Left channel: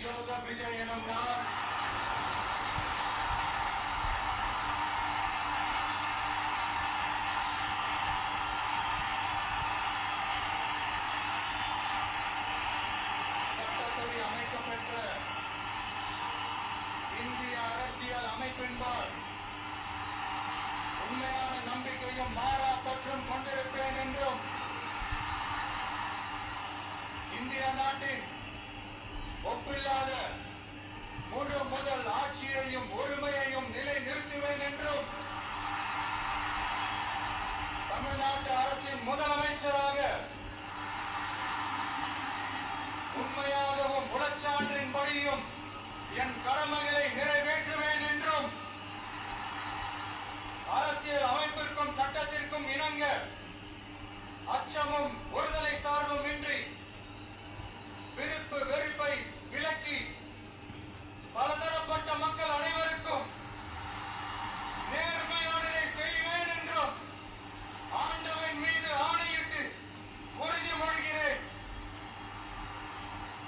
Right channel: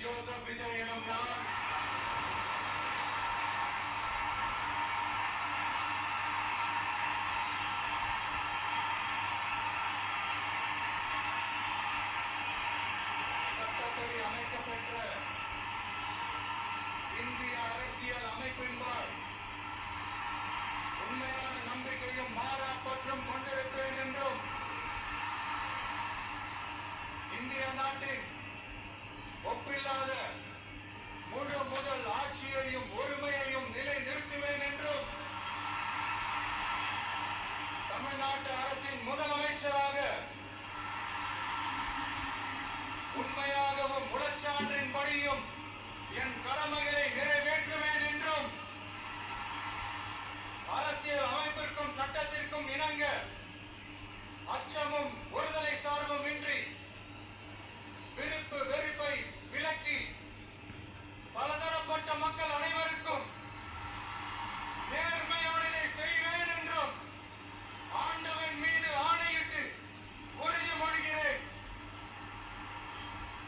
Joseph Vijay எனும் நான் சட்டப்படி அமைக்கப்பெற்ற இந்திய அரசியல் அமைப்பின்பால் உண்மையான நம்பிக்கையும் மாறா பற்றும் கொண்டிருப்பேன் என்றும் இந்திய நாட்டின் ஒப்பில்லாத முழு முதல் ஆட்சியையும் ஒருமையையும் நிலை நிறுத்துவேன் என்றும் தமிழ்நாட்டு அரசின் முதலமைச்சராக உண்மையாகவும் உளச்சான்றின்படியும் என் கடமைகளை நிறைவேற்றுவேன் என்றும் அரசியல் அமைப்பிற்கும் சட்டத்திற்கும் இணங்க அச்சமும்